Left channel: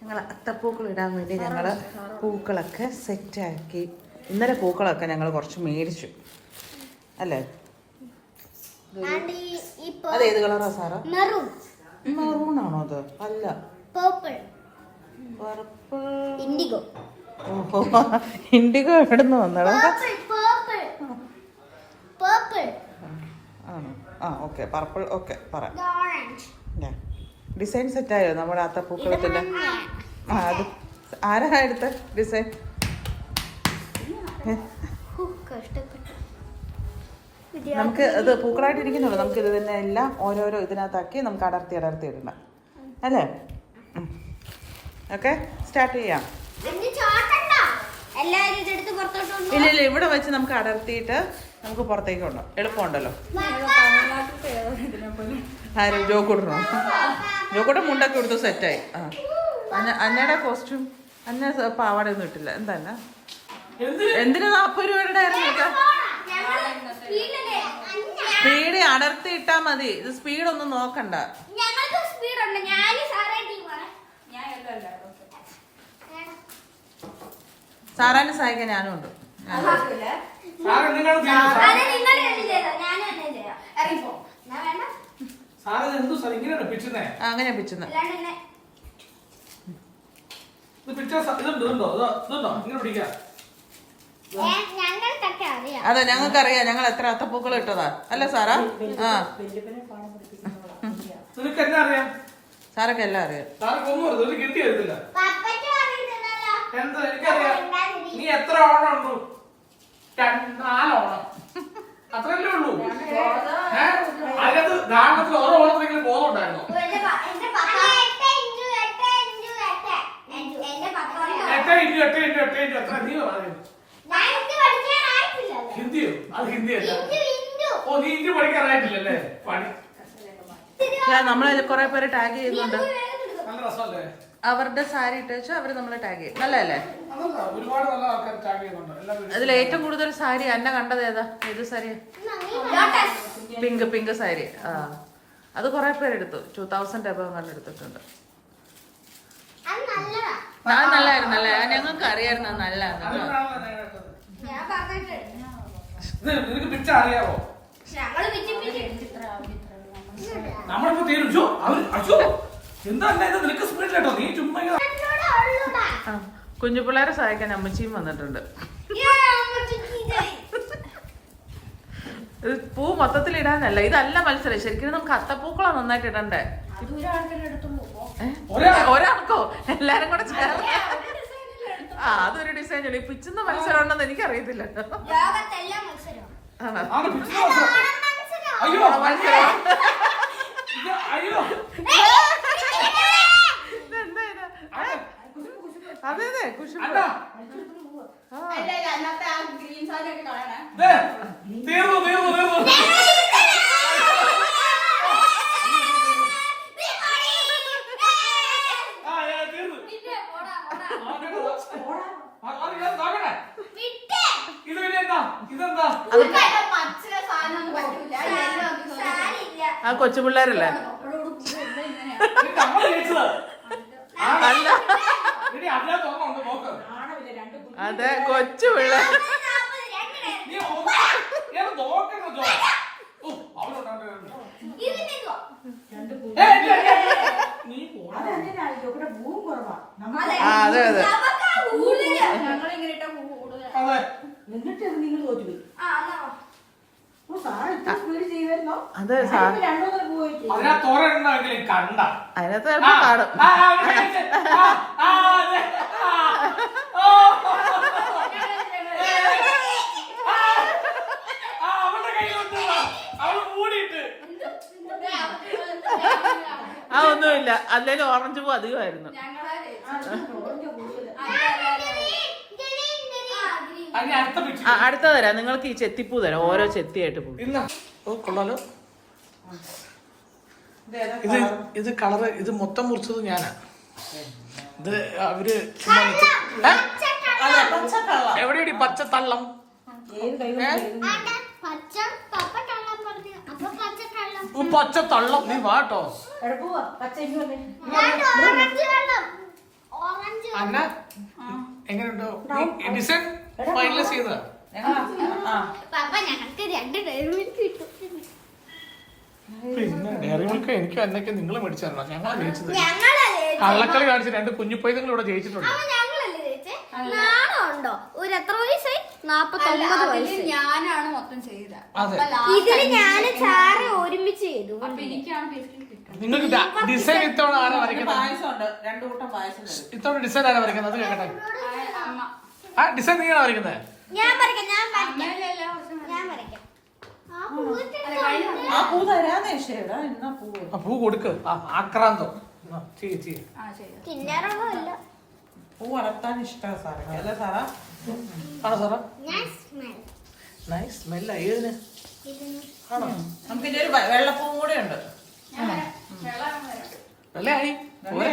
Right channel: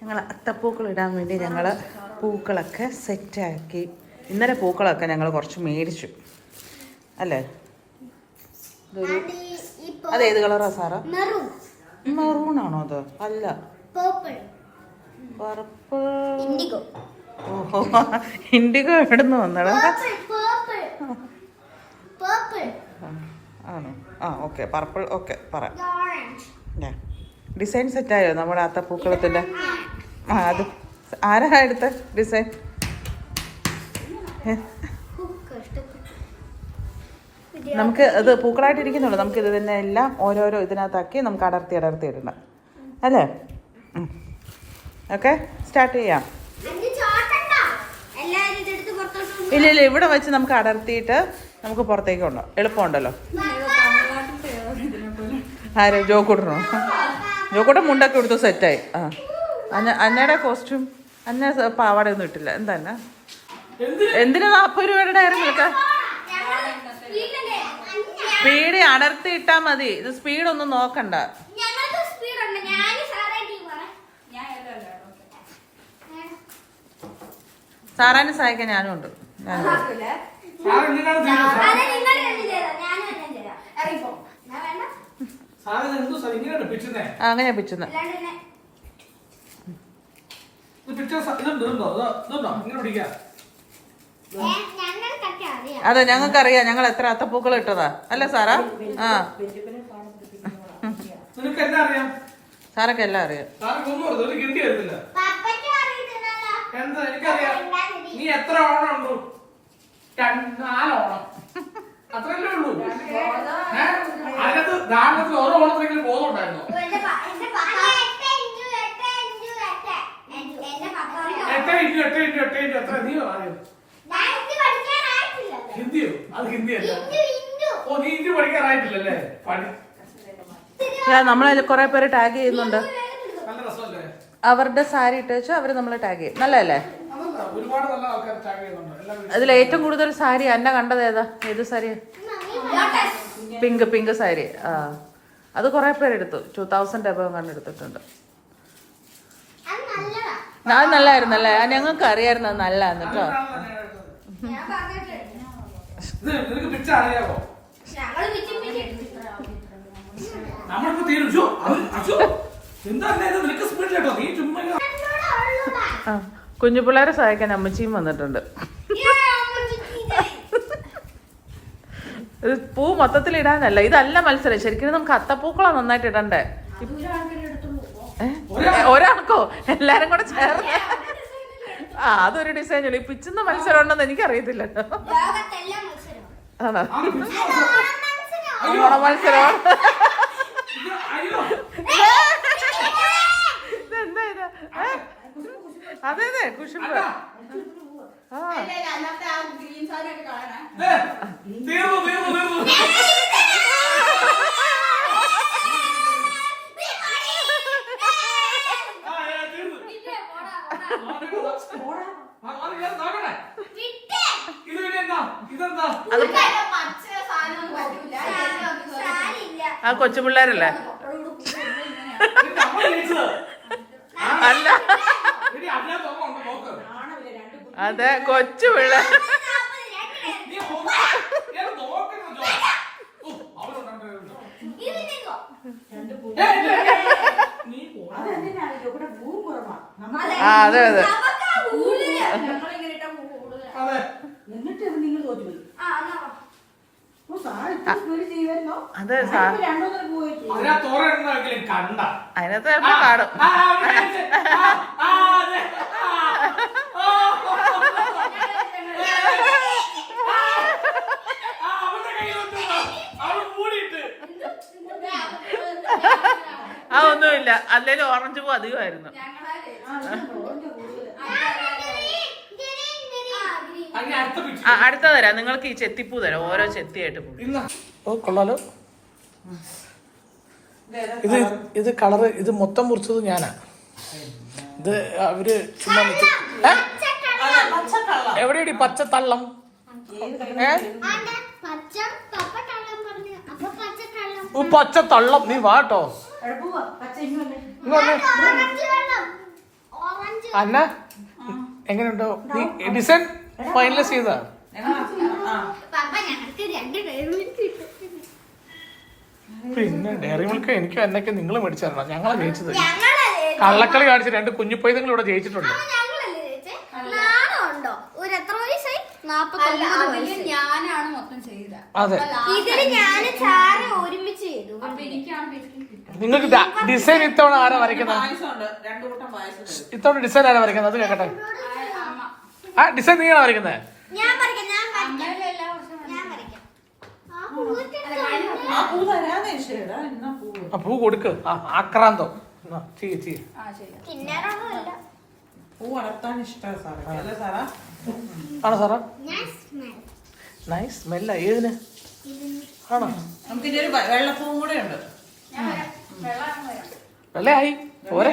ഞങ്ങൾ അത്തപ്പൂക്കൾ ഇടാൻ വേണ്ടി ഞങ്ങൾ പൂക്കളൊക്കെ സെറ്റാക്കി. ഇന്നലെ പൂക്കളൊക്കെ ഞങ്ങൾ കുറച്ച് മേടിച്ചു അല്ലേ? അതേത് കളറാ സാറാ? മെറൂണാണോ അത്? അല്ല, പർപ്പിൾ. ഓഹോ, ഇൻഡിഗോ എവിടുന്ന് വന്നടാ? ആണോ? ആ ഓക്കെ, പർപ്പിൾ. ഓക്കെ, പറയാം. ഡിസൈൻ സെറ്റായോ നമ്മുടെ അത്തപ്പൂക്കളത്തിൻ്റെ? ആ, അത് ആരാ എടുത്ത ഡിസൈൻ? നമുക്ക് ഇത് പൂക്കളായിട്ട് ഇരിക്കുന്നുള്ളൂ. നമുക്ക് ഇത് തന്നെ എല്ലാം ഓരോരോ ഇതിനകത്താക്കി നമുക്ക് അടർത്തി ഇടണം അല്ലേ? ഓക്കെ, സ്റ്റാർട്ട് ചെയ്യാം. ഇല്ല ഇല്ല, ഇവിടെ വെച്ച് നമുക്ക് അടർത്തിയിട്ട് നമുക്ക് പുറത്തേക്ക് ഉണ്ടോ എളുപ്പമുണ്ടല്ലോ. ആര്? ജോക്കൂട്ടനോ? ജോക്കൂട്ടൻ മുണ്ടൊക്കെ എടുത്തു സെറ്റായി. ആ, അന്നയുടെ കോസ്റ്റ്യൂം അന്ന പാവാടയൊന്നും ഇട്ടില്ല. എന്താ എന്തിനു 40 രൂപയുടെ ആയിരുന്നു നിൽക്കാം? സ്പീഡ് അടർത്തി ഇട്ടാ മതി. ഇത് സ്പീഡൊന്നും നോക്കണ്ട. സാറാനെ സഹായിക്കാൻ ഞാനും ഉണ്ട്. അങ്ങനെ പിച്ചുന്ന അതെ, ഞങ്ങൾക്കറിയാം. ഞങ്ങൾ എത്ര അത്തപ്പൂക്കൾ ഇട്ടതാ അല്ല സാറാ? ആ, സാറൊക്കെ എല്ലാം അറിയാം. നീ എത്ര ഓണം ഉണ്ടു? 4 ഓണം അത്രയല്ലേ ഉള്ളൂ. അതിനകത്ത് ദാഹത്തിൽ ഓരോ ഓണത്തിനെങ്കിലും ബോധമുണ്ടായിരുന്നോ? 8 എത്ര? നീ പറയുന്നത് ഹിന്ദിയോ? അത് ഹിന്ദിയല്ല. ഓ, നീ ഹിന്ദി പഠിക്കാറായിട്ടില്ലല്ലേ? നമ്മളെ കുറെ പേര് ടാഗ് ചെയ്യുന്നുണ്ട്. നല്ല രസമല്ലേ? അവരുടെ സാരി ഇട്ട് വെച്ചാൽ അവര് നമ്മളെ ടാഗ് ചെയ്യും. നല്ലതല്ലേ? ഒരുപാട് നല്ല ആൾക്കാർ ടാഗ് ചെയ്യുന്നുണ്ട്. അതിൽ ഏറ്റവും കൂടുതൽ സാരി അന്ന കണ്ടത് ഏതാ? ഏത് സാരി? പിങ്ക് സാരി. ആ, അത് കുറെ പേരെടുത്തു. 2000 എബവ് കണ്ടെടുത്തിട്ടുണ്ട്. അത് നല്ലായിരുന്നല്ലേ? ഞങ്ങൾക്ക് അറിയായിരുന്നു നല്ലതാന്ന് കേട്ടോ. അറിയാവോ? കുഞ്ഞു പിള്ളേരെ സഹായിക്കാൻ അമ്മച്ചിയും വന്നിട്ടുണ്ട്. പൂ മൊത്തത്തിൽ ഇടാനല്ല, ഇതല്ല മത്സരം. ശരിക്കും നമുക്ക് അത്തപ്പൂക്കളാ നന്നായിട്ട് ഇടണ്ടേ. ഒരാൾക്കോ? എല്ലാരും കൂടെ ചേർന്ന്. ആ, അതൊരു ഡിസൈൻ. ഈ പിച്ചുന്ന മത്സരം ഉണ്ടെന്ന് എനിക്കറിയത്തില്ല. ആണോ? മത്സരം ഇതെന്താ ഇത്? അതെ അതെ, കുശുമ്പ്. ആ, കൊച്ചു പിള്ളേരല്ലേ? അല്ല, അതെ, കൊച്ചു പിള്ളേർ. അതെ അതെ. അതെ, അതിനകത്ത് കാണും. അതൊന്നുമില്ല. അല്ലേലും ഓറഞ്ച് പൂ അധികമായിരുന്നു. അടുത്ത തരാം നിങ്ങൾക്ക്. ഈ ചെത്തിപ്പൂ തരാം, ഓരോ ചെത്തിയായിട്ട് പൂ. ഓ, കൊള്ളാലോ. ഇത് കളറ്, ഇത് മൊത്തം മുറിച്ചത് ഞാനാ. ഇത് അവര് ചുമ്മാ എവിടെയാണ് പച്ചത്തള്ളം? പച്ചത്തള്ളം. നീ വാട്ടോ. അന്ന എങ്ങനെയുണ്ടോ നീ ഡിസൈൻ ഫൈനലൈസ് ചെയ്താ? പിന്നെ ഡയറി മിൽക്ക് എനിക്കും എന്നൊക്കെ നിങ്ങൾ മേടിച്ചാണോ? ഞങ്ങളെ ജയിച്ചത്. കള്ളക്കളി കാണിച്ച് 2 കുഞ്ഞിപ്പൈതങ്ങൾ ഇവിടെ ജയിച്ചിട്ടുണ്ട്. ഞാനാണ് മൊത്തം ചെയ്ത. അതെ, ഒരുമിച്ച് ചെയ്തു. നിങ്ങൾക്ക് ഡിസൈൻ ഇത്തവണ ആരാ വരയ്ക്കുന്നത്? ഇത്തവണ ഡിസൈൻ ആരാ വരയ്ക്കുന്നത്? അത് കേക്കട്ടെ. ആ ഡിസൈൻ നീയാണോ വരയ്ക്കുന്നത്? ആ പൂ കൊടുക്ക്. ആക്രാന്തോ പൂ വളർത്താൻ ഇഷ്ടമാണ് സാറേ. അല്ലേ സാറാ? ആണോ സാറാ? നൈസ് സ്മെല്ല. ഏതിന് ആണോ? നമുക്ക് ഇനി ഒരു വെള്ളപ്പൂവും കൂടെ ഉണ്ട്. വെള്ളയായി പോരെ.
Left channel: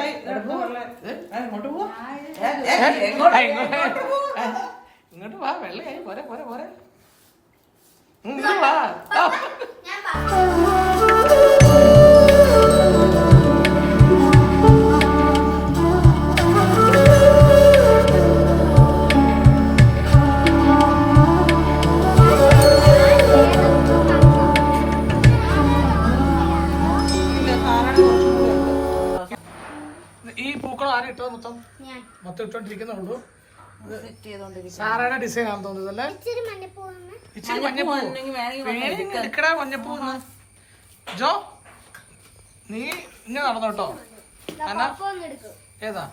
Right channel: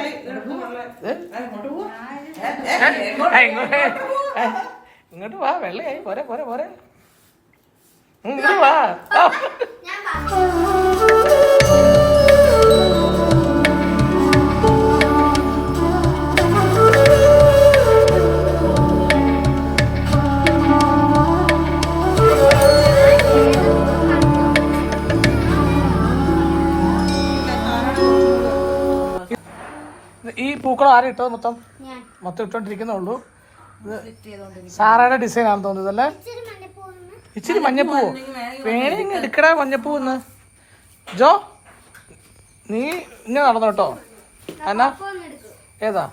ഇങ്ങോട്ട് വാ. വെള്ളയായി പോരെ പോരെ പോരെ. ഇങ്ങോട്ട് വാ. ഈ പൂക്കളം ആരും ഇട്ടത്? മൊത്തം ഇട്ടോണ്ടിരിക്കുന്നുള്ളൂ. സാറയുടെ ഡിസൈൻ ആണെന്ന് തോന്നുന്നത് അല്ലേ? ഇച്ചിരി മഞ്ഞപ്പൂ വേണമെങ്കിൽ എടുക്കടാ. മഞ്ഞപ്പൂ ഒന്ന് ജോ നീ ഇങ്ങനെ നടന്നു കേട്ടോ. എന്നാ ഏതാ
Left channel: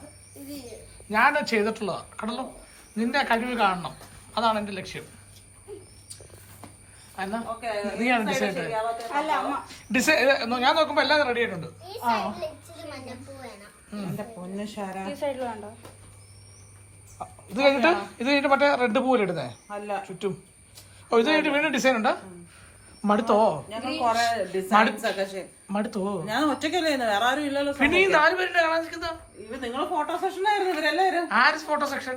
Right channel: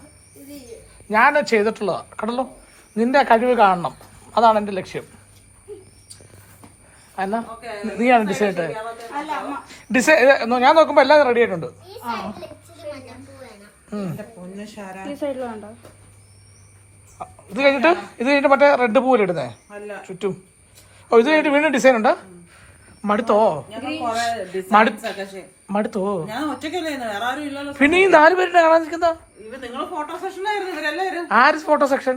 ഞാൻ ചെയ്തിട്ടുള്ളതാ കണ്ടല്ലോ. നിന്റെ കഴിവ് കാണണം, അതാണ് എന്റെ ലക്ഷ്യം. എന്നാ നീയാണ് ഡിസൈൻ ഇട്ടത്? ഡിസൈൻ ഞാൻ നോക്കുമ്പോ എല്ലാം റെഡി ആയിട്ടുണ്ട്. ഇത് കഴിഞ്ഞിട്ട് മറ്റേ റെഡ് പൂവിലിടുന്നേ ചുറ്റും. ഓ ഇത് കഴിഞ്ഞിട്ട് വീണ്ടും ഡിസൈൻ ഉണ്ട്. മടുത്തോ? മടുത്തോ? പിന്നെ ഈ 4 പേരുടെ കാണാൻ നിൽക്കുന്ന ആര് ഫോട്ടോ സെക്ഷൻ?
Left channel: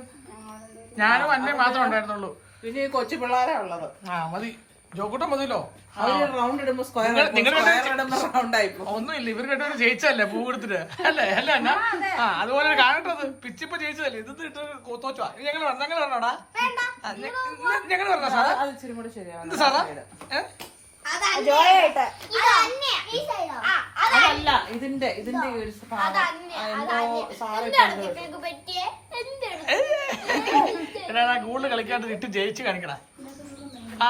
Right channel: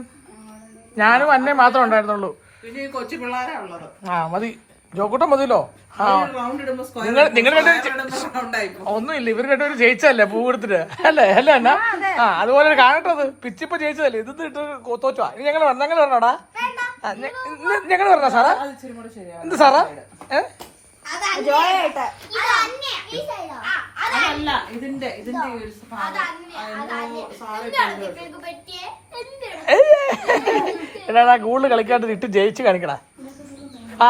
ഞാനും അന്നേ മാത്രമേ ഉണ്ടായിരുന്നുള്ളൂ. പിന്നെ കൊച്ചു പിള്ളേരാ ഉള്ളത്. ആ മതി, ജോക്കൂട്ടം മതിയല്ലോ. ഒന്നുമില്ല, ഇവർ രണ്ടുപേരും ജയിച്ചല്ലേ പൂ കൊടുത്തിട്ട് അല്ലേ? അല്ല എന്നാ അതുപോലെ കാണട്ടത്. പിച്ചിപ്പ ജയിച്ചതല്ലേ. ഇത് ഇട്ട് തോറ്റോ? ഇനി ഞങ്ങൾ പറഞ്ഞോടാ. ഞങ്ങൾ പറഞ്ഞ സാറാ? എന്ത് സാറാ? അതല്ല ഇതിന്റെ എടാ കൂടുതൽ കളിക്കാണ്ട് ഇട്ട് ജയിച്ച് കാണിക്കടാ.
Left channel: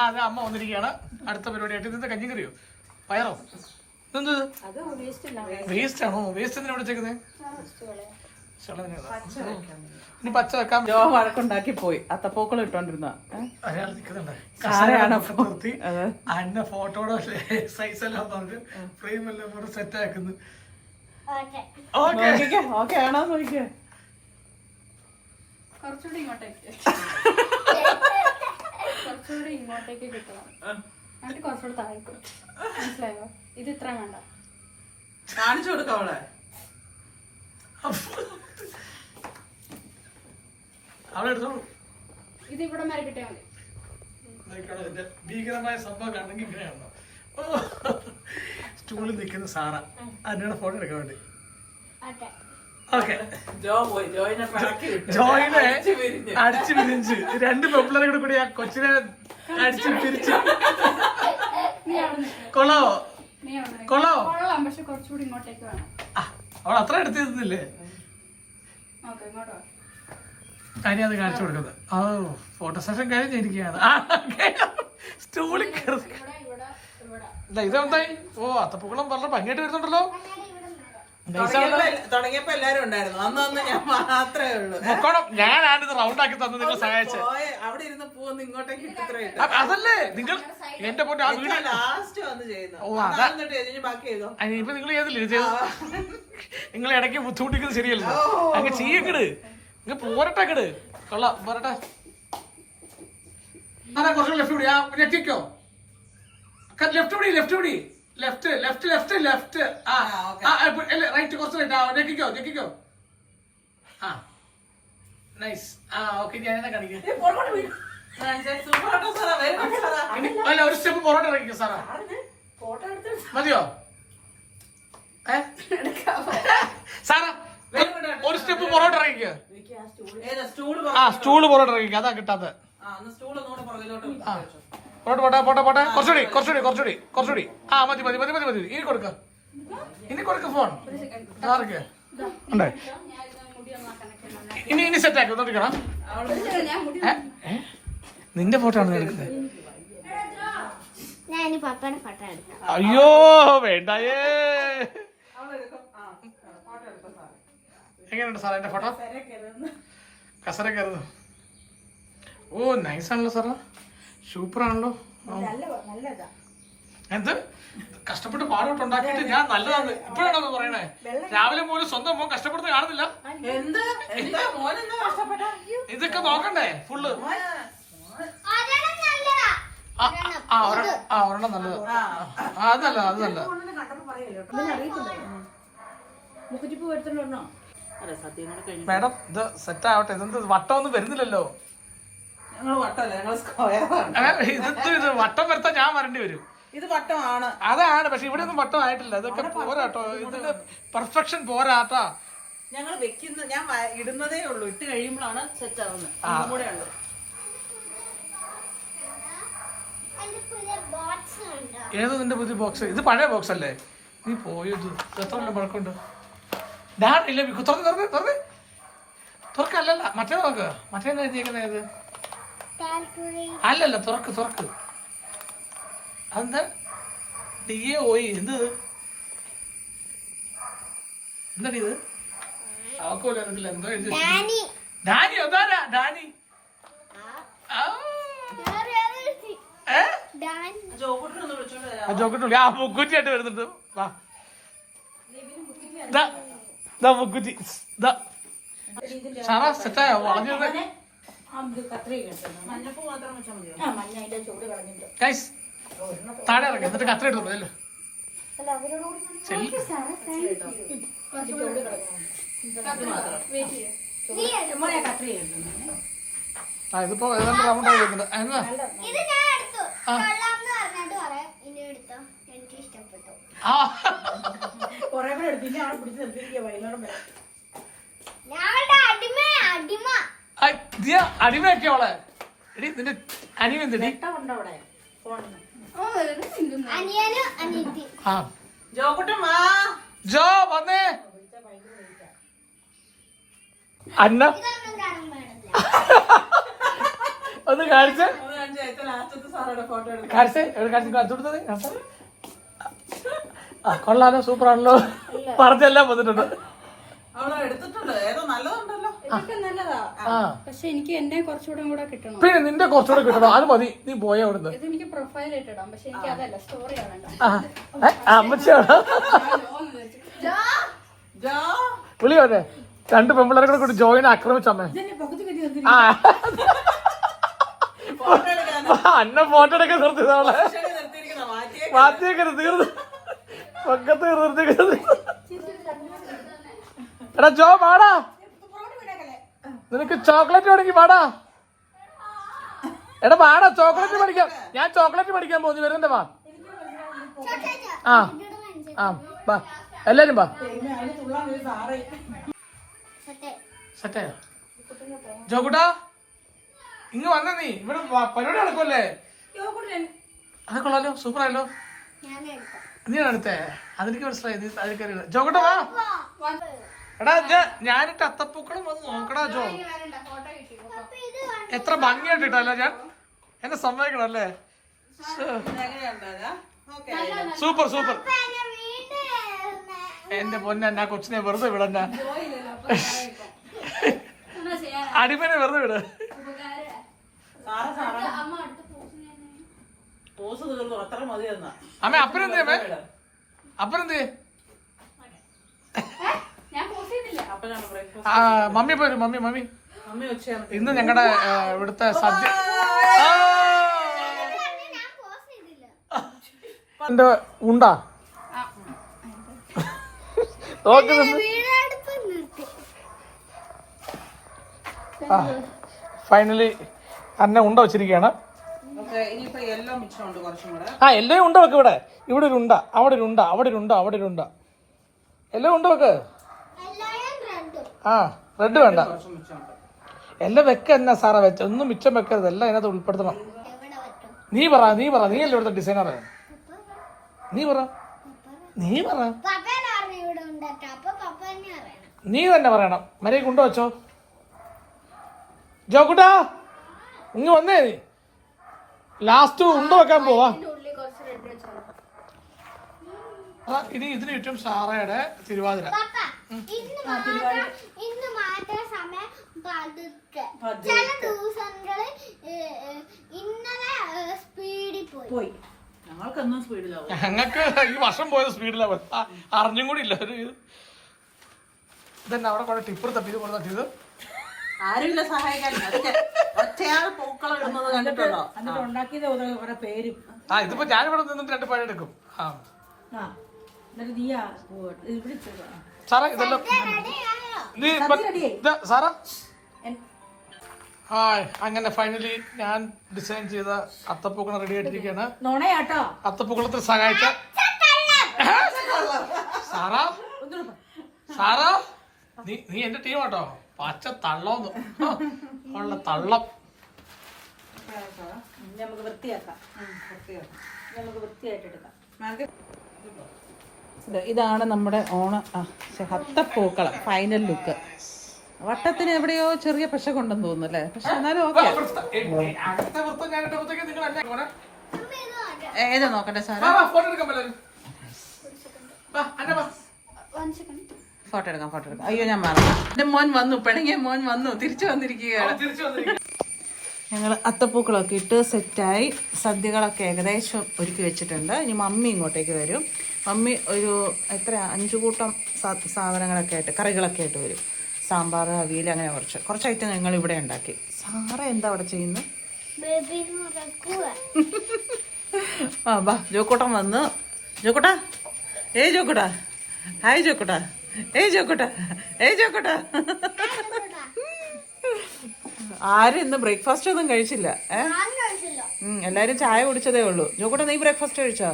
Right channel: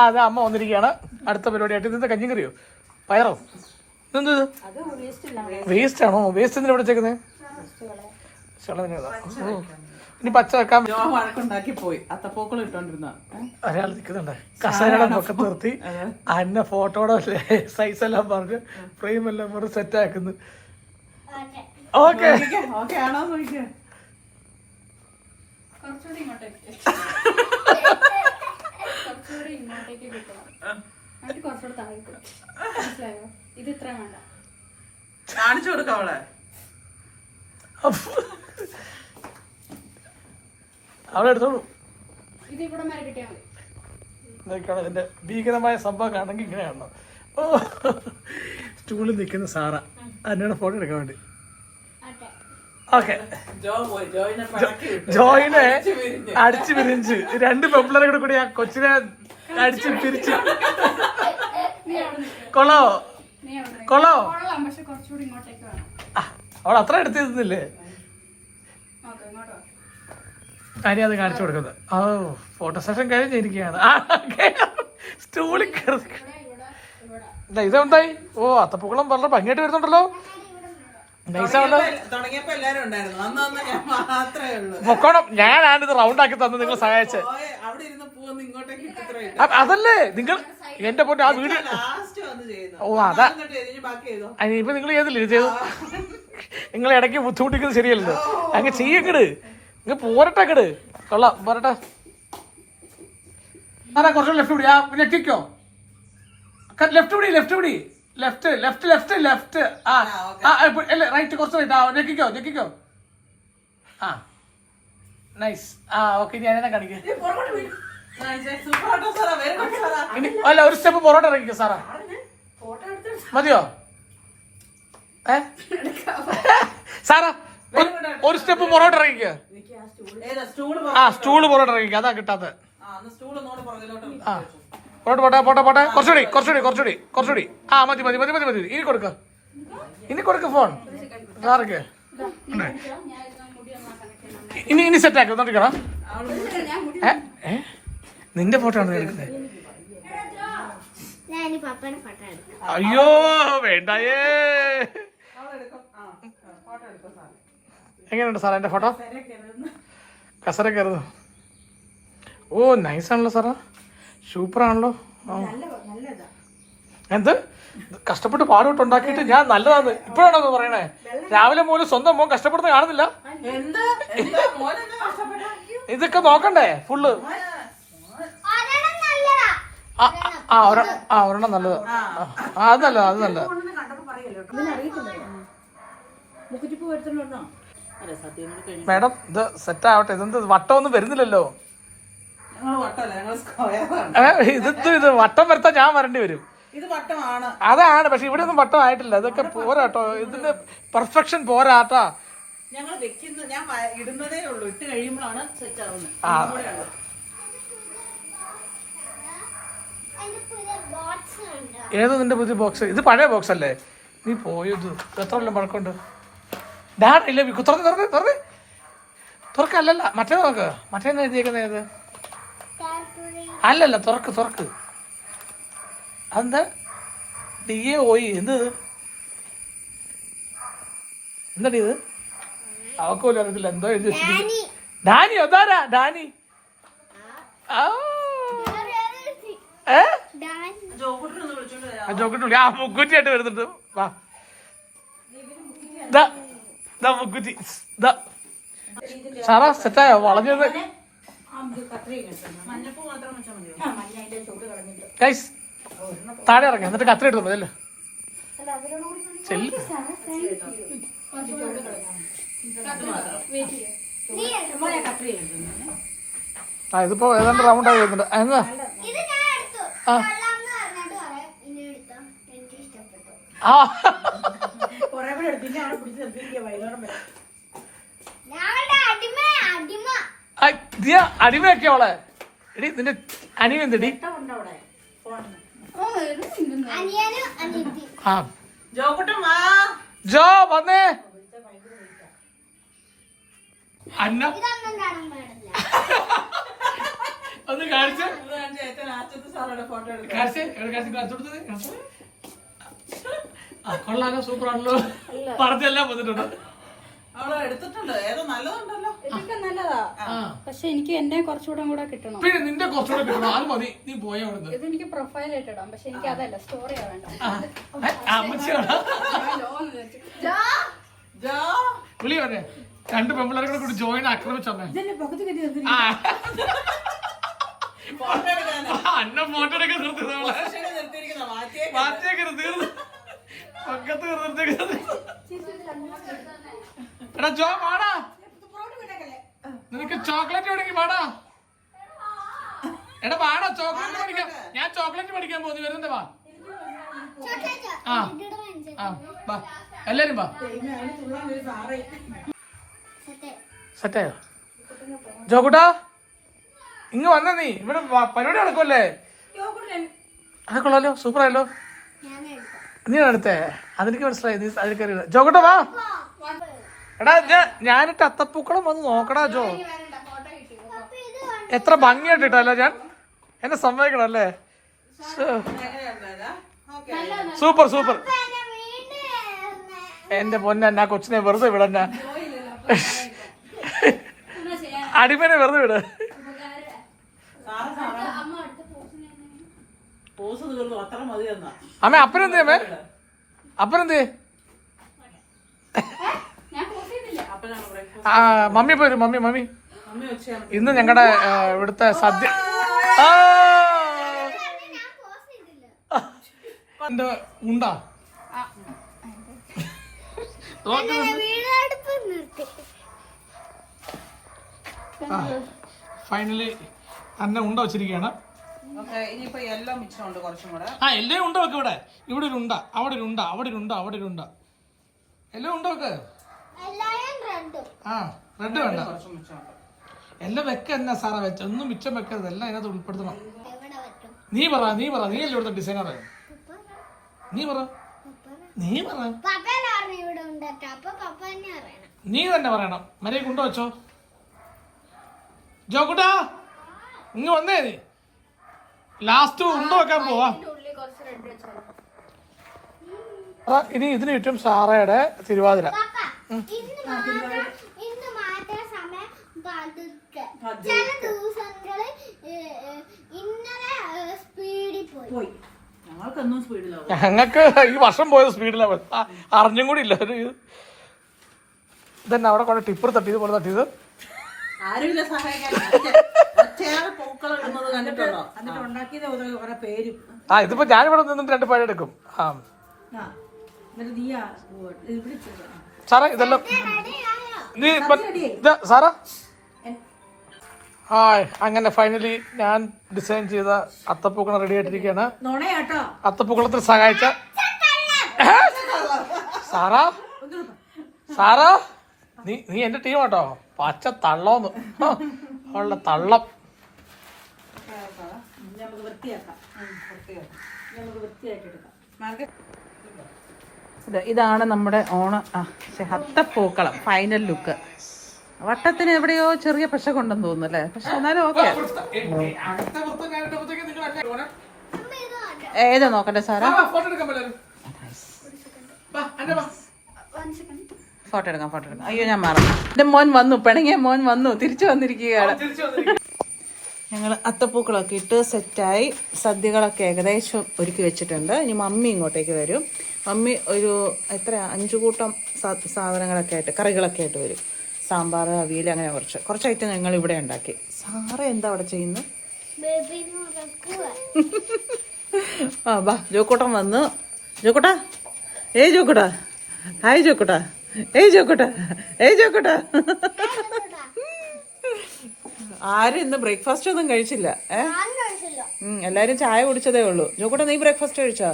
അത് അമ്മ വന്നിരിക്കുകയാണ്. അടുത്ത പരിപാടിയായിട്ട്. ഇതെന്താ കഞ്ഞിക്കറിയോ പയറോ? ഇതെന്ത് വേസ്റ്റ് ആണോ? വേസ്റ്റ് എന്തിനാ ഇവിടെ വെച്ചേക്കുന്നത്? ഇനി പച്ച വെക്കാൻ വഴക്കുണ്ടാക്കി പോയി. അത്തപ്പൂക്കൾ ഇട്ടോണ്ടിരുന്ന ഒരാൾ നിൽക്കുന്നുണ്ട്. കസേരയുടെ പൊക്കത്ത് നിർത്തി അന്ന ഫോട്ടോയുടെ സൈസ് എല്ലാം പറഞ്ഞ് ഫ്രെയിം എല്ലാം പറഞ്ഞ് സെറ്റ് ആക്കുന്നു. ഓക്കെ ഓക്കെ ആണോ നോക്കിയേ. കുറച്ചുകൂടി ഇങ്ങോട്ടേക്ക് കിട്ടണം. എന്നിട്ട് കുറച്ചുകൂടി താഴേക്ക്. മനസ്സിലായോ? ഇത് ഇത്ര വേണ്ട. കാണിച്ചു കൊടുക്കാം അവളെ. അവിടെ എടുത്തോളൂ. ഇത് ഇവിടെ വരെ കിട്ടിയാൽ മതി. ഇതിന്റെ ഭീകരമായ സംഭവം കാണണമെങ്കിൽ ഇങ്ങനെയാണോ? സ്റ്റൂളിൽ നിൽക്കുന്ന സാറ അന്നയുടെ ഫോട്ടോ എടുക്കാൻ വേണ്ടി. ഓക്കെ, ജോയിനെ അടിച്ചു പിരിഞ്ച് 2 പെമ്പിളരെ കൂടി ആ കൊച്ചിനെ അടിച്ച് പിരിച്ച്. കൊള്ളാവോ? കൊള്ളാവോ? പക്ഷെ കുറച്ചുകൂടി ഇങ്ങോട്ടേക്ക് വേണം. അവൾ അത്ര എടുത്തിരുന്നില്ലേ? കാര്യം അത് കാണിച്ചു കൊടുക്കുന്നത്. ഓ ഫോട്ടോ സെഷൻ കഴിഞ്ഞിരിക്കുകയാണ്. സ്റ്റൂളിൽ ഇതെന്തായി? ഓ അത്തപ്പൂക്കളം വളരെ ഭംഗിയായിട്ട് വരുന്നുണ്ടല്ലോ. തുടങ്ങിയപ്പോ എല്ലാരും ഉണ്ടായിരുന്നു. അന്ന് ഞാൻ മാത്രമേ ഉള്ളൂ. പൊക്കോണം. ഞാനാണിത് റൗണ്ട് ആക്കി തന്നത് നിങ്ങൾ സഹായിച്ചത്. അവിടെ ഇരുന്ന് പൂവൊന്ന് ഇങ്ങോട്ടേക്ക് അതല്ലേ നിങ്ങൾ എന്റെ പൊന്നെ ആ വീട്. ഓ അതാ ഇപ്പൊ നിങ്ങൾ ചെയ്തില്ലേ? ചെയ്തു. നിങ്ങൾ ഇടയ്ക്ക് ബുദ്ധിമുട്ടിക്കുന്നത് ശരിയല്ലോ. അങ്ങ് ചെയ്യക്കട്. നിങ്ങൾ പോരട്ടെക്കട്. കൊള്ളാം, പോരട്ടെ. കുറച്ച് ലെഫ്റ്റ് പിടി. ഞെക്കിക്കോ. ലെഫ്റ്റ് പിടി. ലെഫ്റ്റ് പിടി. Left left left left. അല്ല റൈറ്റ്. കുറച്ച് റൈറ്റ്. ഞെക്കിക്കോ ഞെക്കിക്കോ. ആ നൈസ്. ഓക്കെ ഞാനെന്നെ കാണിക്കാം. അല്ല ഒരു സ്റ്റെപ്പ് പൊറോട്ട ഇറങ്ങിക്കോ സാറാ. മതിയോ? സാറാ ഒരു സ്റ്റെപ്പ് പുറകോട്ട് ഇറങ്ങിക്കുക. ആ സ്റ്റൂള് പുറകോട്ട് ഇറങ്ങിക്കുക. അതാ കിട്ടാത്ത. ആ പോട്ടെ പോട്ടെ പോട്ടെ പോട്ടെ. കുറച്ചുകൂടി. ആ മതി. ഇനി കൊടുക്ക ഫോൺ സാർക്ക്. ഇനി സെറ്റ് ആക്കി നോക്കിക്കണം. നിന്റെ ഫോട്ടോ ആണ് എടുക്കുന്നത്. അയ്യോ വേണ്ടായേ. എങ്ങനെയുണ്ട് സാറേ എന്റെ ഫോട്ടോ? കസര കയറുന്നു. ഓ നൈസാണല്ലോ സാറാ, സൂപ്പറാണല്ലോ. എന്ത് കഷ്ടപ്പെട്ട് പാടുപെട്ട് ഉണ്ടാക്കിയിട്ട് ഞാൻ നല്ലതാന്ന് ഇപ്പോഴാണോ പറയണേ? രാവിലെ മുതൽ സ്വന്തം മോൻ കഷ്ടപ്പെടുന്ന കാണുന്നില്ല. ഇതൊക്കെ നോക്കണ്ടേ ഫുള്ള്? ഒരെണ്ണം നല്ലത്. അത് നല്ല. മാഡം ഇത് സെറ്റ് ആവട്ടെ. ഇതെന്ത് വട്ടമൊന്നും വരുന്നില്ലല്ലോ. ഇത് വട്ടം വരുത്താൻ ഞാൻ വരേണ്ടി വരും. ഇത് വട്ടമാണ്. അതാണ്, പക്ഷെ ഇവിടെ ഒന്നും വട്ടം ആയിട്ടില്ല. ഇതൊക്കെ പോരാട്ടോ, ഇതിന്റെ പെർഫെക്ഷൻ പോരാട്ടാ. ഞങ്ങൾ വെക്കുന്ന ഞാൻ ഇടുന്നതേ ഉള്ളൂ, ഇട്ട് കഴിയുമ്പോഴാണ് സെറ്റ് ആവുന്നത്. ഏതോ നിന്റെ പുതിയ ബോക്സ്? ഇത് പഴയ ബോക്സ് അല്ലേ? നീ പോയത് എത്ര കൊല്ലം പഴക്കമുണ്ട്? ഇല്ല തുറക്കല്ല, മറ്റേ നോക്ക്. മറ്റേ എഴുതിയേക്കുന്ന ഏത്? അല്ലല്ല, തുറക്ക്. അതെന്താ DAOE? എന്താടി ഇത്? അവക്കോലും അറിയത്തില്ല എന്താ എഴുതി. ഡാനിയോ? അതാരാ ഡാനി? ജോക്കട്ടുള്ളി. ആ മുക്കുറ്റിയായിട്ട് വരുന്നുണ്ട്. വാ മുക്കുറ്റി. സാറാ സെറ്റായോ? വളഞ്ഞത് ഗൈസ് താഴെ ഇറങ്ങി എന്നിട്ട് കത്ര എടുത്തു മതിയല്ലോ. ഇതിപ്പോ ഏതാണ്ട് റൗണ്ട് ആയി വരുന്നുണ്ട്. എന്നാ അടിമയൊക്കെ അവളെ. എടി നിന്റെ അനിയൻ എന്തടി? ജോ വന്നേ. അന്ന ഒന്ന് കാണിച്ചേ. കൊള്ളാലോ, സൂപ്പറാണല്ലോ. പറഞ്ഞെല്ലാം വന്നിട്ടുണ്ട്. പക്ഷെ എനിക്ക് എന്നെ കുറച്ചുകൂടെ കൂടെ കിട്ടണം. പിന്നെ നിന്റെ കുറച്ചുകൂടെ കിട്ടണം. അത് മതി, നീ പോയ അവിടുന്ന്. ഇത് എനിക്ക് പ്രൊഫൈൽ ഇട്ടിടാം, പക്ഷെ എനിക്ക് അതല്ല, സ്റ്റോറി ആവണ്ട. അമ്മച്ചാണ് വിളിയോനെ. 2 പെമ്പിള്ളേരെ കൂടെ കൂടി ജോയിനെ ആക്രമിച്ചമ്മേ. അന്ന ഫോട്ടോ എടുക്കാൻ നിർത്തിയത് അവളെ. മാറ്റിയൊക്കെ തീർന്നു, പക്കത്ത് നിർത്തിയത്. എടാ ജോ പാടാ, നിനക്ക് ചോക്ലേറ്റ് വേണമെങ്കിൽ പാടാ. എടാ പാടാ, ചോക്ലേറ്റ് പഠിക്കാം. ഞാൻ ചോക്ലേറ്റ് പഠിക്കാൻ പോകുന്നു, വരുന്നുണ്ട്. വാ വാ എല്ലാരും വാ. സെറ്റായോ ജോക്കുട്ടാ? ഇങ്ങ് വന്ന നീ. ഇവിടെ പരിപാടി നടക്കുമല്ലേ? അത് കൊള്ളാലോ, സൂപ്പറായല്ലോ. നീ എടുത്തേ? അതെനിക്ക് മനസ്സിലായി. നീ അതിൽ കയറിയില്ല. ജോക്കുട്ടാ വാ. എടാ ഞാനിട്ട് അത്തപ്പൂക്കളം വന്ന് നോക്കടാ ജോ. എത്ര ഭംഗിയായിട്ടിട്ടല്ലോ ഞാൻ. എന്നെ സമ്മതിക്കണം അല്ലേ? സൂപ്പർ. എന്റെ പൊന്നെ, എന്നാ കൊച്ചിനെ വെറുതെ വിടന്ന. അടിമനെ വെറുതെ വിട. അമ്മ അപ്പനെന്തേ? അപ്പനെന്തേ? മമ്മി പോരും. മമ്മി ഇന്ന് ഞങ്ങളുടെ ഇവിടുത്തെ സദ്യ. എന്റെ ഉണ്ടാ ഫൈനലി അന്നെ ഉണ്ട വെച്ചിരിക്കുകയാണ്. എല്ലാം ഉണ്ട വെക്ക്. ഇവിടെ ഒരു ഉണ്ട, അവിടെ ഒരു ഉണ്ട, അവിടെ ഒരു ഉണ്ട, അവിടെ ഒരു ഉണ്ട. എല്ലാം ഉണ്ട വെക്ക്. ആ റെഡ് വേണ്ട. എല്ലാം വെക്ക എന്നാ സാറാ വെച്ച, ഒന്നും മിച്ചം വെക്കരുത്, എല്ലാം അതിനകത്ത് ഉൾപ്പെടുത്തണം. നീ പറ നീ അല്ലേ ഇവിടുത്തെ ഡിസൈനർ. നീ പറ. നീ തന്നെ പറയണം. മര്യാദ കൊണ്ടു വെച്ചോ. ജോക്കുട്ടാ ഇങ്ങ് വന്നേ. നീ ലാസ്റ്റ് ഉണ്ട വെക്കാൻ പോവാ. ഇനി ഇതിന് ചുറ്റും സാറയുടെ തിരുവാതിര. ഞങ്ങൾക്ക് ഈ വർഷം പോയത് സ്പീഡിലാണ്. അറിഞ്ഞും കൂടി ഇല്ല. ഒരു ഇതന്നെ അവിടെ കൊണ്ട് ടിപ്പർ തട്ടിയത് പോലെ തട്ടിയത്. ആരുമില്ല സഹായിക്കാൻ. പൂക്കളം ഇടുന്നത് കണ്ടിട്ടുണ്ടോ? ആ ഇതിപ്പോ ഞാനിവിടെ നിന്നിട്ട് 2 പഴയെടുക്കും. ആ സാറേ ഇതെല്ലാം നീ സാറാ. ഹായ്, അങ്ങനെ ഫൈനലി ഞാൻ ഡിസൈൻ ചെയ്ത അത്തപ്പൂക്കളം റെഡി ആയിട്ടിരിക്കുകയാണ്. അത്തപ്പൂക്കളത്തിൽ സഹായിച്ച സാറാ നീ എന്റെ ടീം കേട്ടോ. പച്ച തള്ളോന്ന് ഉള്ള തള്ളം. ഇതാണ് നമ്മുടെ അത്തപ്പൂക്കളം ഫൈനൽ ലുക്ക്. വട്ടത്തിന് എവിടെയോ ചെറിയ പശ കൊണ്ടെന്ന് തോന്നുന്നു അല്ലേ? പക്ഷെ എന്നാലും ഓക്കെ. ഏതാ നോക്കട്ടെ സാറാ? ഫോട്ടോ എടുക്കാം. അയ്യോ ഞാൻ മറന്നു. എന്റെ മോൻ വന്നു, പിണങ്ങിയ മോൻ വന്നു, തിരിച്ചു വന്നിരിക്കുകയാണ്. ഞങ്ങൾ അത്തപ്പൂക്കളൊക്കെ ഇട്ട് സെറ്റായി. സദ്യകളൊക്കെ ഏകദേശം ഒരുക്കി വെച്ചിട്ടുണ്ട്. ഇനി മമ്മി ഇങ്ങോട്ടേക്ക് വരും. മമ്മി ഒരു 5 കൂട്ടം സാധനങ്ങളൊക്കെ ആയിട്ട്, കറികളൊക്കെ ആയിട്ട് വരും. സാമ്പാർ, അവിയൽ, അങ്ങനെ കുറച്ച് ഐറ്റം ഞങ്ങൾ ഇവിടെ ഉണ്ടാക്കി. സാറ എന്താ അവിടെ ചെയ്യുന്നത്? ആ ബാ, ജോക്കൂട്ടൻ വന്നു. ജോക്കൂട്ടാ, ഏയ് ജോക്കൂട്ടാ, ഹായ് ജോക്കൂട്ടാ, ഏയ് ജോക്കൂട്ടാ, ആരും ഇന്ന് ബ്രേക്ക്ഫാസ്റ്റ് ഒന്നും കഴിച്ചില്ല. എല്ലാരും ചായ കുടിച്ചതേ ഉള്ളൂ. ജോക്കൂട്ടൻ നീ ബ്രേക്ക്ഫാസ്റ്റ് കഴിച്ചോ?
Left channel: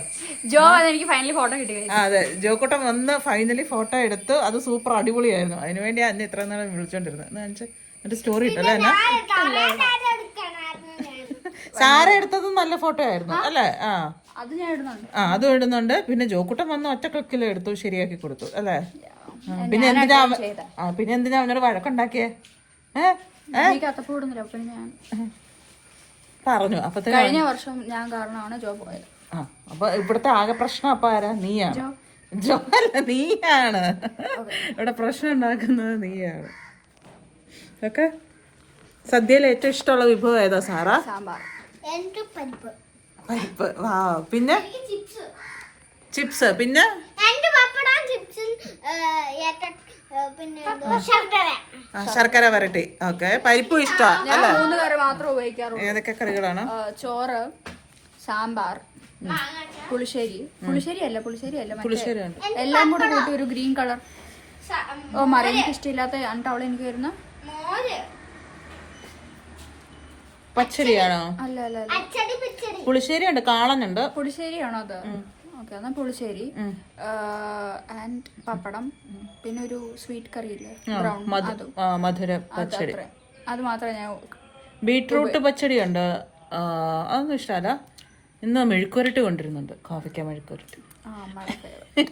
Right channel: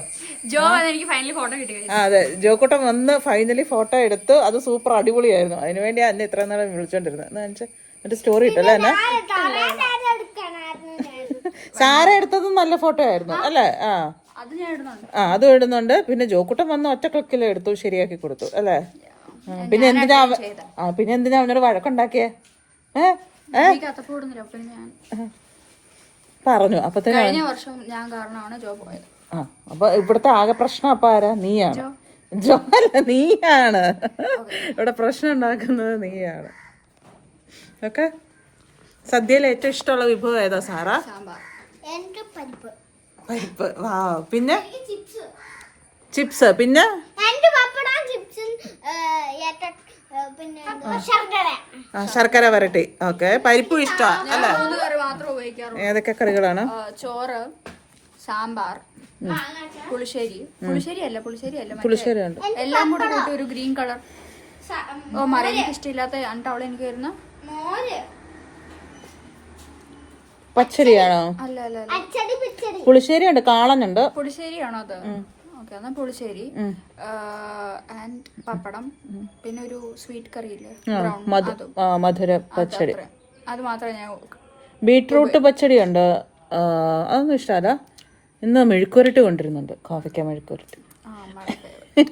എനിക്ക് ഫൈനലി ഫോട്ടോ കിട്ടി. അതെ, ജോക്കൂട്ടൻ വന്ന് ഫൈനലി ഫോട്ടോ എടുത്ത്. അത് സൂപ്പർ അടിപൊളിയായിരുന്നു. അതിനുവേണ്ടി അന്ന് ഇത്ര നേരം വിളിച്ചോണ്ടിരുന്നത്. മറ്റേ സ്റ്റോറി ഇട്ടല്ലേ എന്നാ? സാര എടുത്തതും നല്ല ഫോട്ടോ ആയിരുന്നു അല്ലേ? അതും ഇടുന്നുണ്ട്. പിന്നെ ജോക്കൂട്ടൻ വന്ന് ഒറ്റ ക്ലിക്കിൽ എടുത്തു, ശരിയാക്കി കൊടുത്തു അല്ലേ? പിന്നെ എന്തിനാ അവനൊരു വഴക്കുണ്ടാക്കിയേ? പറഞ്ഞു. അപ്പൊ കഴിഞ്ഞ വർഷം ഞാൻ കാരണമാണ് ജോ പോയത്. അപ്പൊ ഇവിടുത്തെ ആകെ പ്രശ്നം അപ്പൊ ആരാ? നീയാണ്. ജോ അല്ല, നീയാണ് ഇവിടെ പ്രശ്നം ഉണ്ടാക്കുന്നത്. നീയാണ്. ഓക്കെ. സദ്യയിൽ ഏറ്റവും ഇഷ്ടമുള്ള വിഭവം ഏതാ സാറാ? പരിപ്പ്. വാ. പിന്നെ ചിപ്സ്. പിന്നെ ശർക്കര വരട്ടി. ഓക്കെ. പരിപ്പും ഇഷ്ടമാണ് അല്ലേ? ഏതൊക്കെ കറികളാണ്? ചോറ്, സാമ്പാർ, പുളിശ്ശേരി അല്ല എല്ലാം കൂടെ കൂട്ടി ഒരു ഗ്രീൻ കളർ. മറി എനിക്ക് ഇഷ്ടമില്ലാത്ത അവളെ എനിക്ക് വരുന്ന പച്ചരിയാണോ? അല്ല പുളിശ്ശേരി ഉണ്ട്, കാളനുണ്ട്. പുളിശ്ശേരിയാണോ അത്? ഓക്കെ, എന്നാ പുളിശ്ശേരി ആൻഡ് പപ്പടം, പിന്നെ ഒരു സ്വീറ്റ് കറി ഇല്ലേ, മധുര പച്ചടി. അത് മാത്രമേ ഞാൻ. ബീട്രൂട്ട് പച്ചടി ഉണ്ട്, അതൊന്നും ഇഷ്ടമല്ല. ഇന്ന് മെഴുക്കുരട്ടി കൊണ്ടിരുന്നുണ്ട്, കോവയ്ക്ക മെഴുക്കുരട്ടി.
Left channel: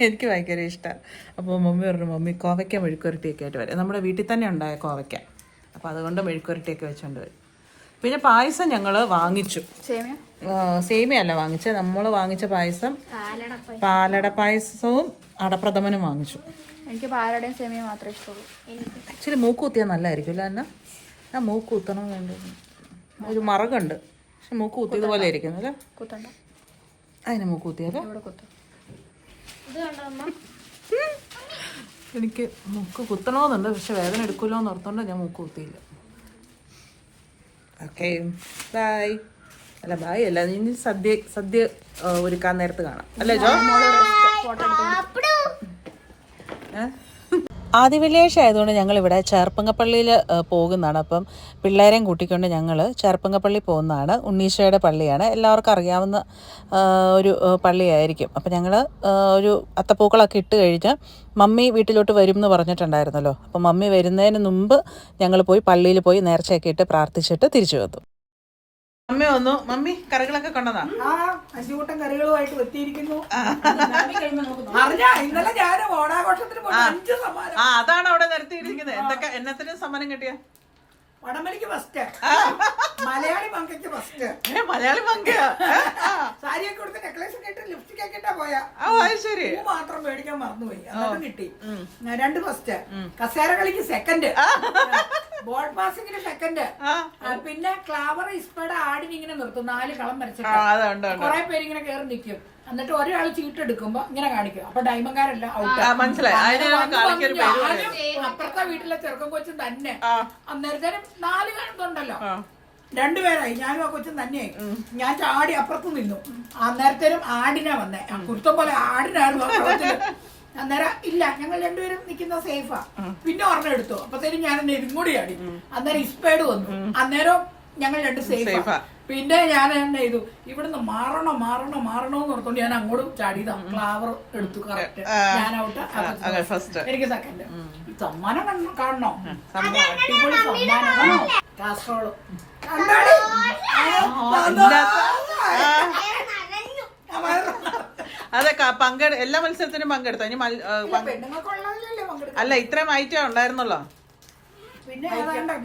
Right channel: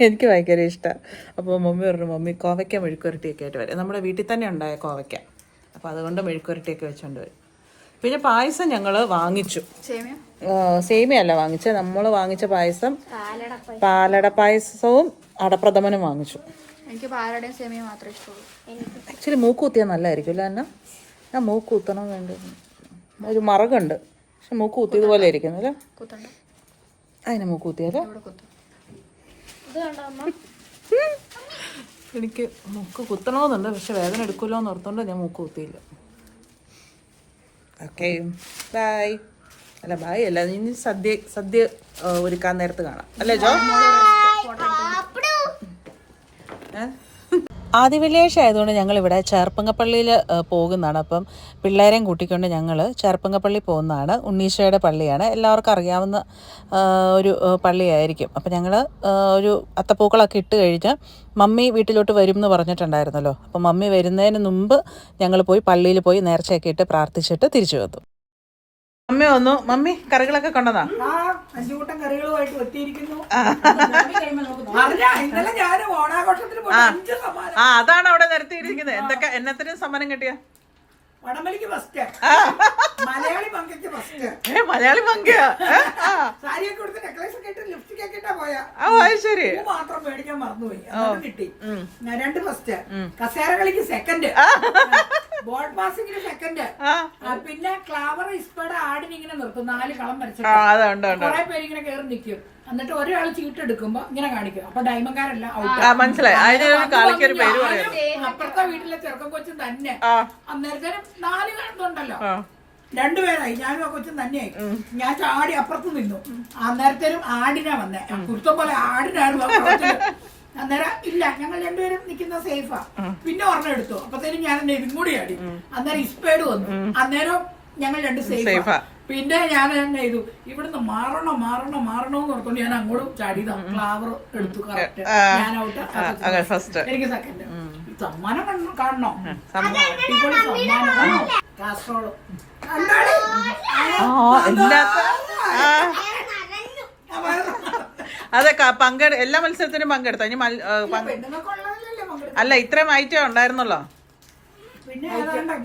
എനിക്ക് ഭയങ്കര ഇഷ്ടമാണ്. അപ്പോൾ മമ്മി പറഞ്ഞു, മമ്മി കോവയ്ക്ക മെഴുക്കുരട്ടിയൊക്കെ ആയിട്ട് വരും. നമ്മുടെ വീട്ടിൽ തന്നെ ഉണ്ടായ കോവയ്ക്ക, അപ്പോൾ അതുകൊണ്ട് മെഴുക്കുരട്ടിയൊക്കെ വെച്ചുകൊണ്ട് വരും. പിന്നെ പായസം ഞങ്ങൾ വാങ്ങിച്ചു. സേമിയ അല്ല വാങ്ങിച്ചത്, നമ്മൾ വാങ്ങിച്ച പായസം പാലട പായസവും അടപ്രഥമനും വാങ്ങിച്ചു. എനിക്ക് പാലടയും സേമിയ മാത്രമേ ഇഷ്ടമുള്ളൂ. ഇച്ചിരി മൂക്ക് കുത്തിയാൽ നല്ലതായിരിക്കും അല്ലേ എന്നാ? ഞാൻ മൂക്ക് കുത്തണം വേണ്ടത്. ഒരു മറകുണ്ട്, പക്ഷെ മൂക്ക് കുത്തിയത് പോലെ ഇരിക്കുന്നത്. അതിന് മൂക്ക് കുത്തിയത് എനിക്ക് മൂക്ക് കുത്തണമെന്നുണ്ട്, പക്ഷെ വേദന എടുക്കുമല്ലോ എന്ന് ഓർത്തുകൊണ്ട് ഞാൻ മൂക്ക് കുത്തിയില്ല. Okay, bye. അല്ല ബൈ അല്ല, ഇനി സദ്യ ഒരുക്കാൻ നേരത്ത് കാണാം അല്ലേ ജോ? ആദ്യ വെള്ളിയാഴ്ച ആയതുകൊണ്ട് ഞങ്ങളിവിടെ ചേർപ്പങ്കപ്പള്ളിയിൽ പോകുന്നതാണ്. അപ്പം പിള്ളേരെയും കൂട്ടിക്കൊണ്ട് ഞങ്ങൾ ചേർപ്പങ്കപ്പള്ളി പോകുന്നതാണ്. ഉണ്ണീശോയുടെ പള്ളിയാണ്, എല്ലാവർക്കും അറിയാവുന്ന ഒരു പള്ളിയായിരിക്കും. അപ്പം ഞങ്ങൾ ഒരു അത്തപ്പൂക്കളൊക്കെ ഇട്ട് കഴിഞ്ഞ് മമ്മി വീട്ടിലോട്ട് വരും എന്ന് പറഞ്ഞിട്ടുണ്ടായിരുന്നല്ലോ. അപ്പം മമ്മി വരുന്നതിന് മുമ്പ് ഞങ്ങൾ പോയി പള്ളിയിൽ പോയി നേർച്ചയൊക്കെ ഇട്ട് പ്രാർത്ഥിച്ചിട്ട് തിരിച്ചു വന്നു. മമ്മി വന്നു. മമ്മി കറികളൊക്കെ കൊണ്ടതാ? 5 കൂട്ടം കറികളുമായിട്ട് എത്തിയിരിക്കുന്നു. ഇന്നലെ ഞാൻ ഓണാഘോഷത്തിന് പോയി 5 സമ്മാനം. അതാണ് അവിടെ നിരത്തിയിരിക്കുന്നത്. എന്തൊക്കെ എന്നത്തിനും സമ്മാനം കിട്ടിയ? വടംവലിക്ക് ഫസ്റ്റ്, മലയാളി മങ്കയ്ക്ക് ഫസ്റ്റ്. മലയാളി മങ്കയാ? സാരിയൊക്കെ കൊടുത്ത് നെക്ലേസ് ഒക്കെ ഇട്ട് ലിപ്സ്റ്റിക് ഒക്കെ ഇട്ടാ പോയാ. ശരി. മാത്രം മേടിക്കാൻ മറന്നുപോയി, അതും കിട്ടി. 2 ഫസ്റ്റ്. കസേര കളിക്ക് സെക്കൻഡ്, ബോട്ട് പാസിംഗിന് സെക്കൻഡ്. പിന്നെ ക്ലാവർ ഇസ്പയുടെ ആടിന് ഇങ്ങനെ നിർത്തും, 4 കളം വരച്ചിട്ട് കുറെ പേര് ഇങ്ങനെ കയറി നിൽക്കും. എന്നിട്ട് ഒരാൾ ചീട്ടെടുക്കുമ്പോ ഇങ്ങനെ കാണിക്കും. അപ്പൊ ഡയമണ്ട്കാരെല്ലാം അപ്പുറത്തെ വീട്ടിലെ ചെറുക്കൻ കൊച്ചും തന്നെ. അന്നേരത്തേനും 4 കാണുന്നുണ്ടല്ലോ, 2 പേരായി. ഞാനും ആ കൊച്ചും തന്നെയായി. ഞാൻ ചാടി അപ്പുറത്ത് നിന്നു. അന്നേരത്തേനും ആടിനാ വന്നേ, കുരുത്തം പോലെ ആടിനായിരുന്നു. അന്നേരം ഇല്ല, ഞങ്ങൾ 2 പേരും നിൽക്കുന്ന സേഫാ. പിന്നെ ഒരെണ്ണം എടുത്തു. അപ്പത്തേനും ഞാൻ എന്നെ ഇതും കൂടി ആടി. അന്നേരം ഇസ്പേഡ് വന്നു. അന്നേരം ഞങ്ങൾ 2 സേഫാ. പിന്നെ ഞാൻ തന്നെ ചെയ്തു, ഇവിടുന്ന് മാറണോന്ന് ഓർത്തോണ്ട് ഞാൻ അങ്ങോട്ടും ചാടിയതാ. ഫ്ലവർ എടുത്തു, കറക്റ്റ്. ഞാൻ ഔട്ട്, എനിക്ക് സെക്കൻഡ്. സമ്മാനം കാണണോ? അടിപൊളി സമ്മാനം. കാസറോള് അതെ, എല്ലാ മത്സരത്തിനും പങ്കെടുത്ത. അല്ല, ഇത്രയും ഐറ്റം ഉണ്ടായിരുന്നല്ലോ. പിന്നെ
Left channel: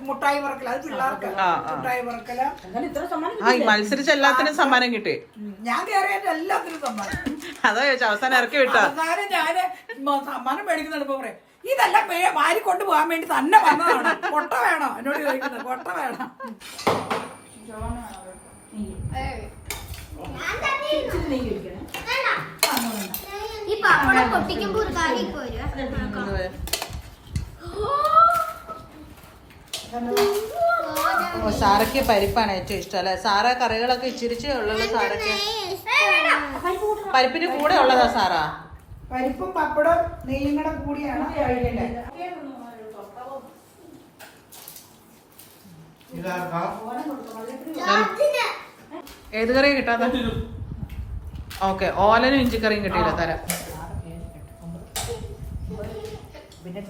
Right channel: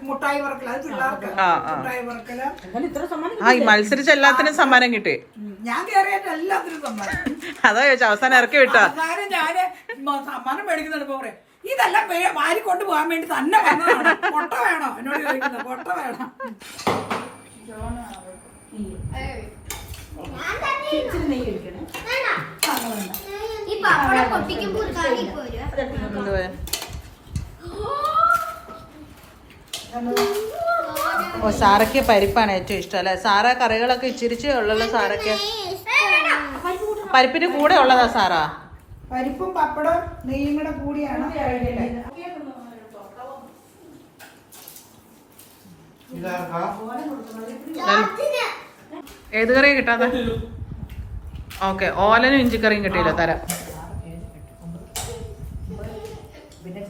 മുട്ടായി പറക്കല, അത് പിള്ളേർക്ക് മുട്ടായി പറക്കല. മത്സരിച്ച എല്ലാത്തിനും സമ്മാനം കിട്ടി. ഞാൻ കയറിയായിട്ട് എല്ലാത്തിനും സമ്മാനം. അതാ ചോദിച്ചു, അവസാനം ഇറക്കി വിട്ടോ? ഞാന് സമ്മാനം മേടിക്കുന്നുണ്ട്. പറയാം, ഇതെല്ലാം വാരി കൊണ്ട് പോകാൻ വേണ്ടി തന്നെ വന്നതാണ്. കൊട്ട വേണോ എന്നോട് ചോദിക്കുന്നത്? കൊട്ട വേണം. സാറയ്ക്ക് പരിപ്പാണ് ഏറ്റവും ഇഷ്ടം അല്ലെ? സാറ കറികളൊക്കെ ഇച്ചിരിച്ചേ ഉള്ളല്ലോ സാറയ്ക്ക്. പരിപ്പിന് കൂടെ ഉള്ളതാ സാറാ? പരിപ്പും പപ്പടവും നെയ്യും കൂടെ കൂടിയാണ് കഴിക്കേണ്ടത്. ഏത് കറിയാ കിട്ടാതെ? ഓക്കെ, ഓലനും ഇഞ്ചിക്കറിയും കിട്ടിയില്ല, തരാം. പിന്നെ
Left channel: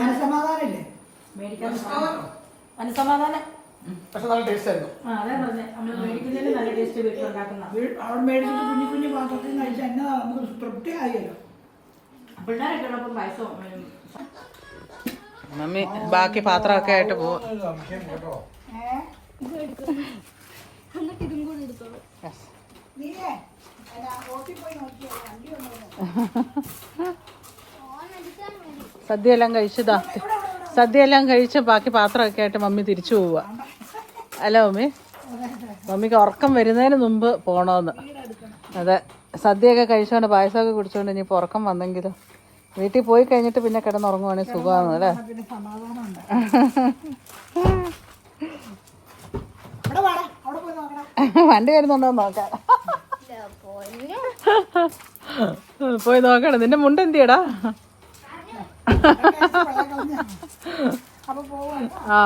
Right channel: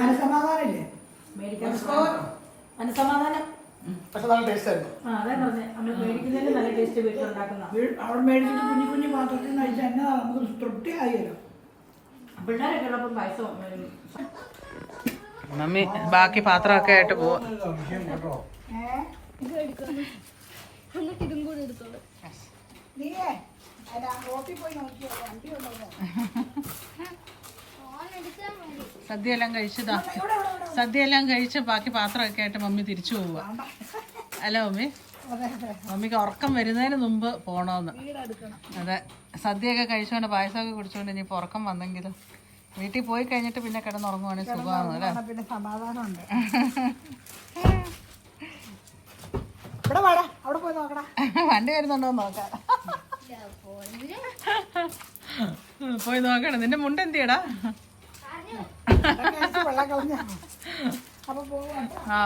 മനസമാധാനമില്ലേ? മനസമാധാനം. അവിടെ മേടിച്ചിട്ട് കുഞ്ഞു പാത്രത്തിൽ കഴിച്ചാൽ എന്നതാ നമുക്ക് തൃപ്തി ആയല്ലോ. പിള്ളേരുള്ളപ്പം പായസം. മമ്മി ബാക്കി പാത്രമൊക്കെ ആയിട്ട് പോവാ. സദ്യയെല്ലാം കഴിച്ചതാ. സദ്യയെല്ലാം കഴിച്ച് ബാക്കി പാത്രമൊക്കെ ആയിട്ട് മമ്മി തിരിച്ചു പോവുക. അല്ല മമ്മി? മമ്മിക്ക് ഉറക്കം വരുന്നതിന് മുമ്പ് പോണോന്ന്. അതെ, സദ്യയൊക്കെ കഴിച്ചോണ്ട് പായസമൊക്കെ കുടിച്ചോണ്ട് ഇനിയിപ്പോൾ ഉറക്കം വന്നെങ്കിൽ വീട്ടിൽ പോയി കഴിഞ്ഞിട്ട് പിന്നെ കിടന്നുറങ്ങുവാണെങ്കിൽ സുഖമാണ് അല്ലേ? വണ്ടി വരുന്നുണ്ടോ നോക്കാം. പോയി നോക്കണം. നിന്റെ മുണ്ട് എന്തിയടാ? ആ,